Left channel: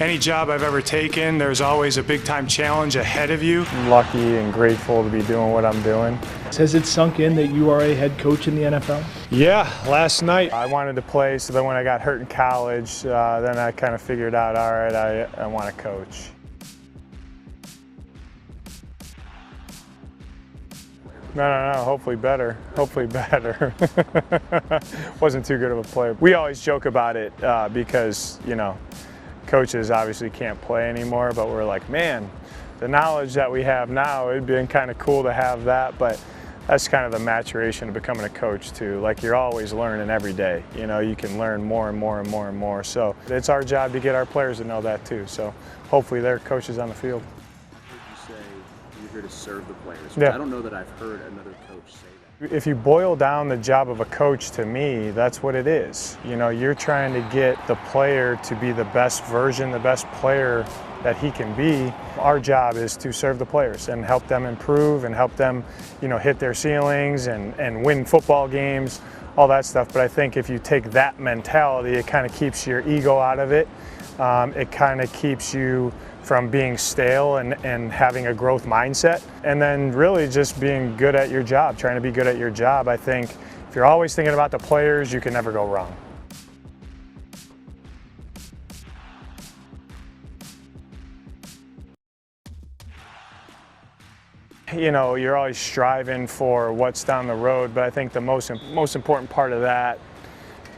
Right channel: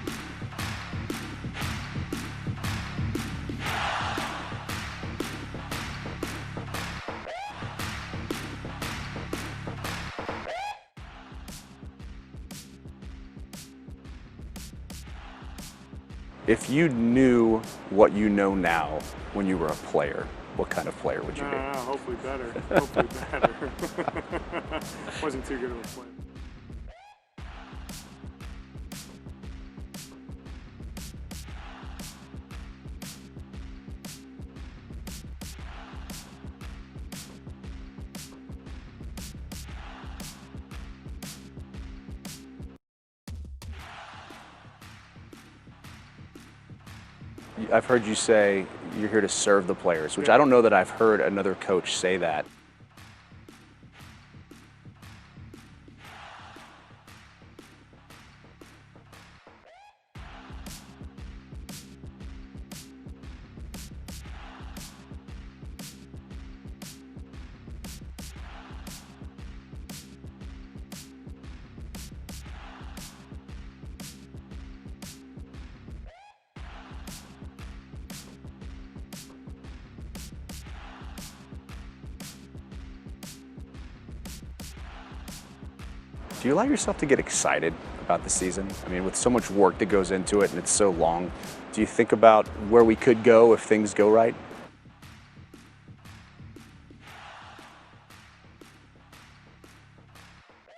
Any job I've ever taken, there's always a big-time challenge ahead of you. I'm lucky and grateful to be doing what I'm doing. Has it sunk in that you are a head coach in the NFL? Yeah, last night I wanted to play, so then when I got hurt in college, then I kind of figured out, all right, I want to coach. If you knew what you know now when you were a player, what kind of player would you be? No, hopefully better. Hopefully better. Wasn't too good of a player. We always joke about it because, you know, coaches obviously can't play anymore, but we're like, man, the knowledge that we have now, it'd been kind of cool to have that, but that's kind of the maturation of becoming a coach too. Like, you're always learning every day. You know, you can learn more and more and more and more. So it's our job to get our players to know that too. So hopefully they're coaches on the field. I've heard you say you're here to serve the players, which Yeah. I don't know that I've heard another coach say that. If you boil down the job of a coach, to me, that's what it is. You know, you're trying to get the player to be the best version, the best player that he can be. Our job is to serve the players and help them improve and help them, you know, hit their ceilings and win football games, all that stuff. But I think if you take that mentality, it kind of keeps your ego out of it. It kind of keeps you from being stale and having a growth mindset, and then really just being good at your job, trying to be good at your job. I think if you're always thinking about the players, you can never go wrong. Do you allow yourself to get excited about the season? I mean, with so much work that goes into it and it's so long, do you think about where we could go if things go right? You know, you're always striving for what's down the road, but I think the most important part of that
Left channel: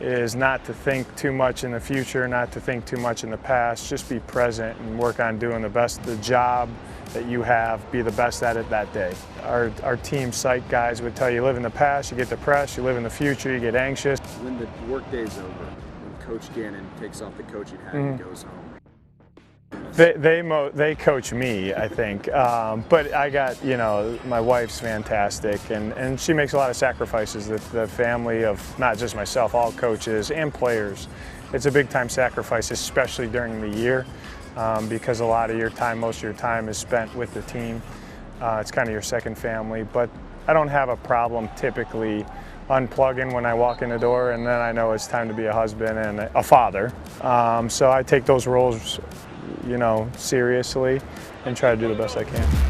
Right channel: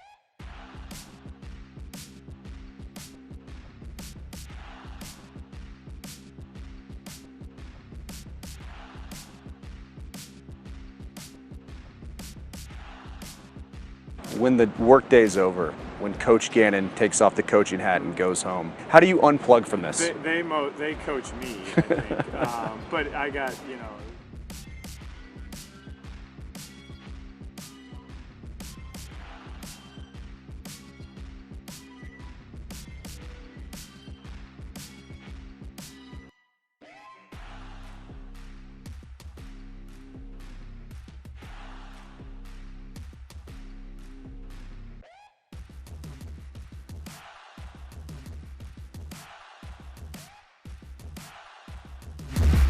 is not to think too much in the future, not to think too much in the past. Just be present and work on doing the job that you have, be the best at it that day. Our team psych guys would tell you, live in the past, you get depressed, you live in the future, you get anxious. When the work day's over, when Coach Gannon takes off the coaching hat and goes home, how do you unplug from this? They coach me, I think. But I got, you know, my wife's fantastic, and she makes a lot of sacrifices. The family of not just myself, all coaches and players. It's a big time sacrifice, especially during the year, because a lot of your time, most of your time is spent with the team. It's kind of your second family, but I don't have a problem typically unplugging when I walk in the door, and then I know it's time to be a husband and a father. So I take those roles, you know, seriously and try to do the best I can.